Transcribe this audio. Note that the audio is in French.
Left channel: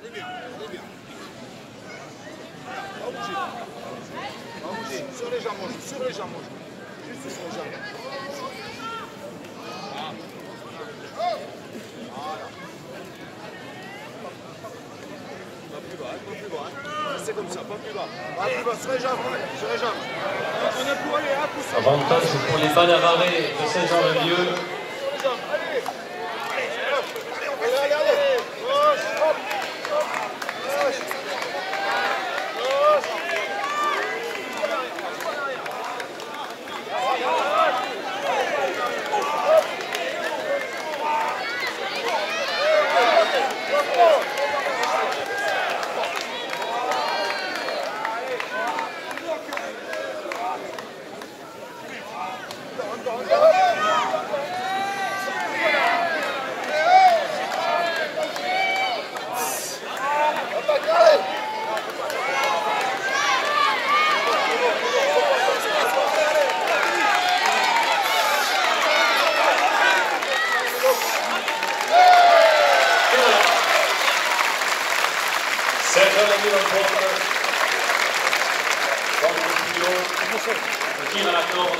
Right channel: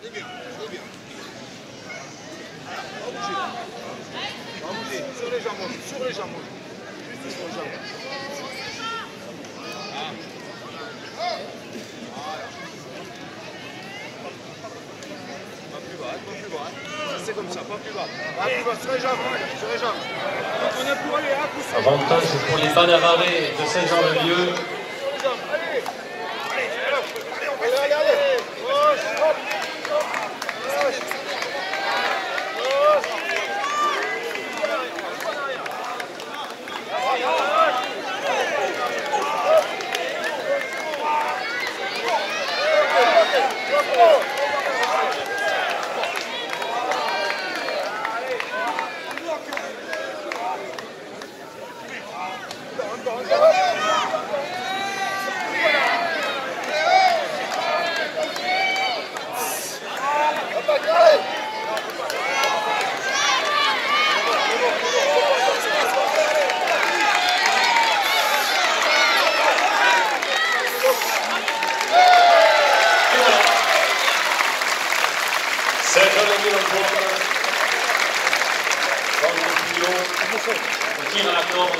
Pas bouger. Sur les jambes, sur les jambes. Juste sur les jambes. Voilà. Pas plus bas, pas plus bas. C'est comme ça, pas plus bas. Pas plus bas, sur les jambes, sur les jambes. On est pour aller à coup. Avantage pour les balles arrêts de Saint-Jean-de-Lieu. Sur les jambes, allez. Allez, allez, allez. Gauche, hop, hop. Gauche. Gauche. Saint-Jean-de-Lieu remporte le tir à la corde.